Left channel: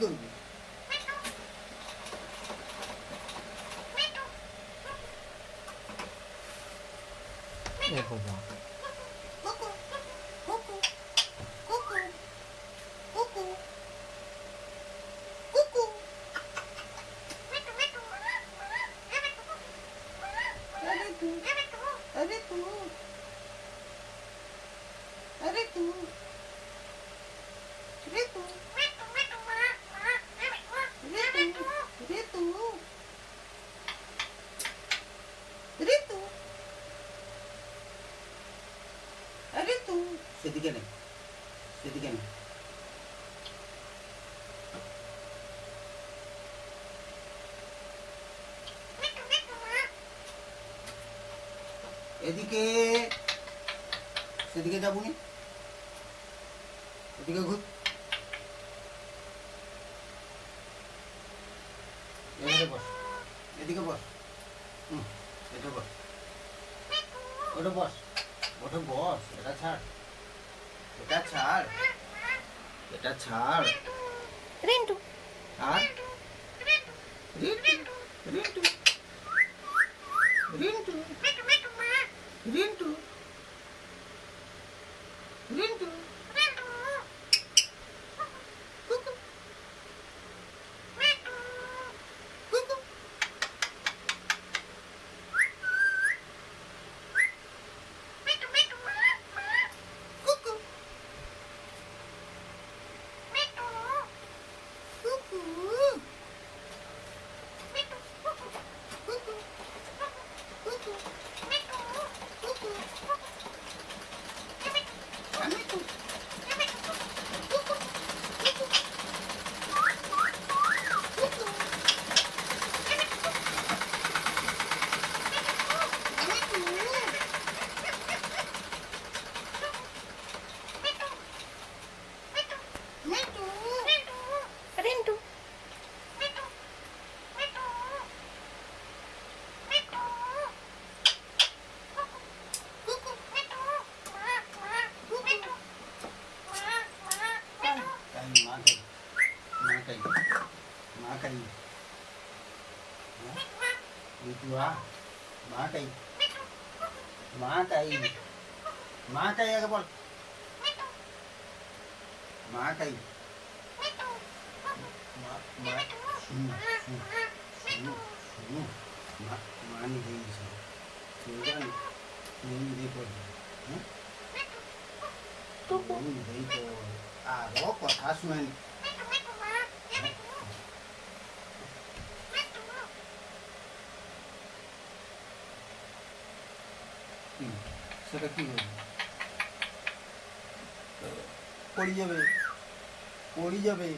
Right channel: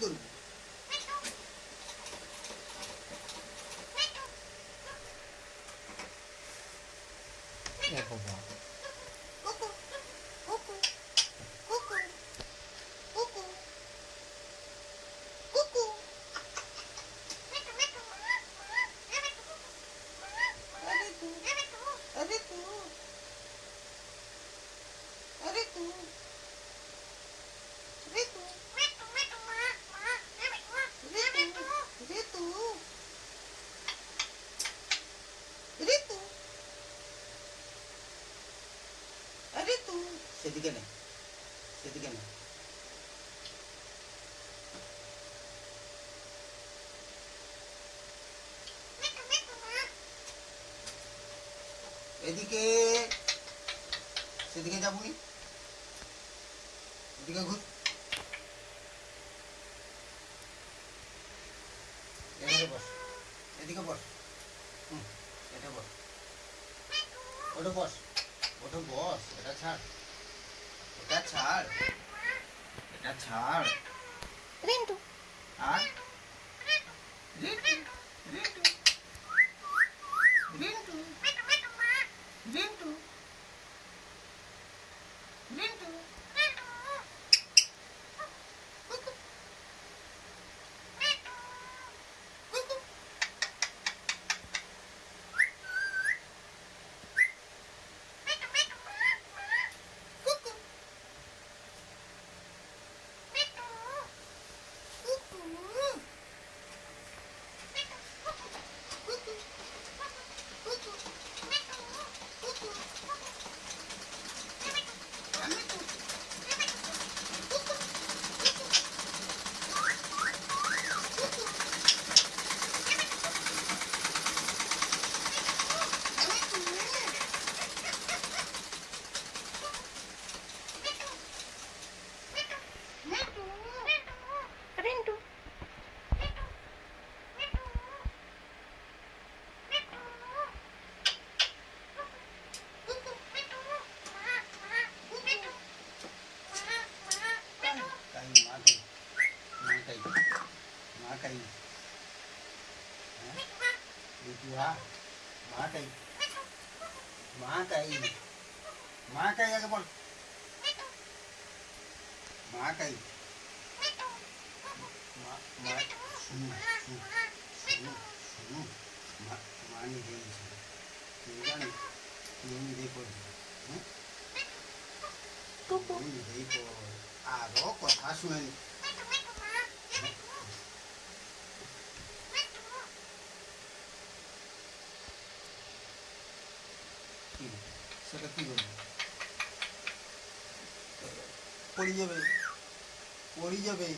করবি? এ বাবা কুকু কুকু কুকু কুকু কুকু। अरे तू अरे तू अरे तू अरे तू अरे तू अरे तू अरे तू अरे तू সেদিকে নে সেদিকে নে এদিকে সেদিকে যাবনি এদিকে ঘুর এদিকে বস এদিকে বস এটা বস ওটা বস ওটা বস এটা ছাড় এটা ছাড় এটা ছাড় রিন্টু আর রিন্টু রিন্টু রিন্টু রিন্টু রিন্টু কুকু কুকু কুকু কুকু কুকু কুকু আমি তো রিন্টু কুকু আরো কথা শুনেন সেটা কি করবে পড়ে যাবে পড়ে যাবে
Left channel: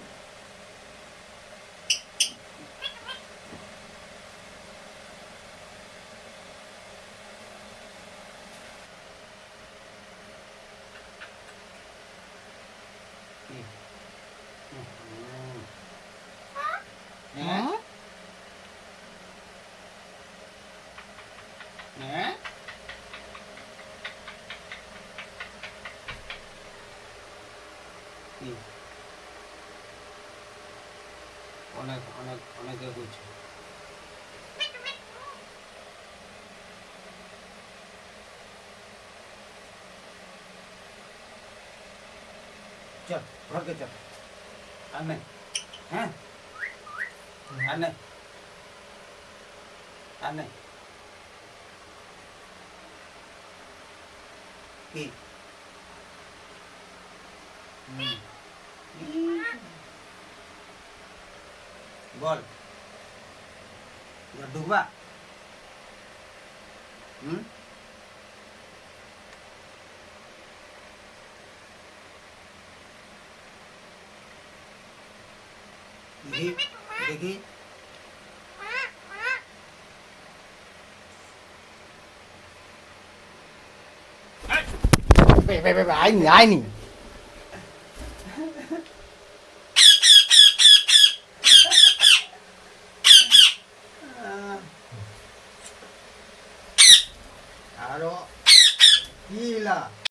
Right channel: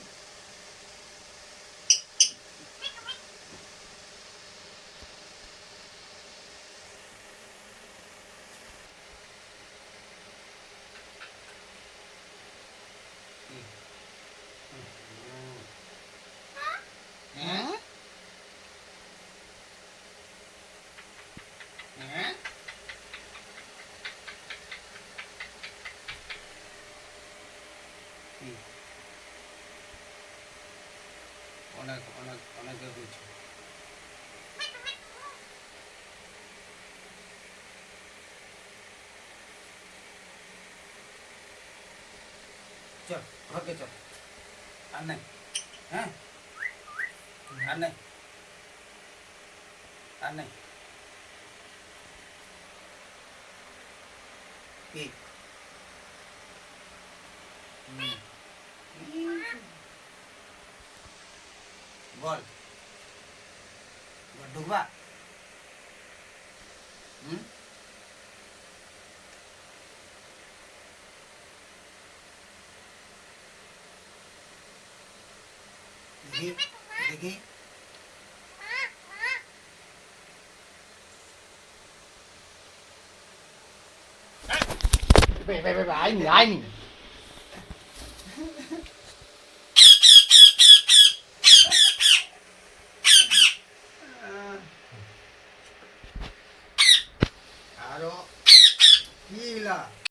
হ্যাঁ হ্যাঁ অনেক অনেক অনেকে করছে চল ঘরকে চল আর নেই হ্যাঁ আর নেই আর নেই কি বল ঢুকবা দেখি দেখি আইনি আরো কি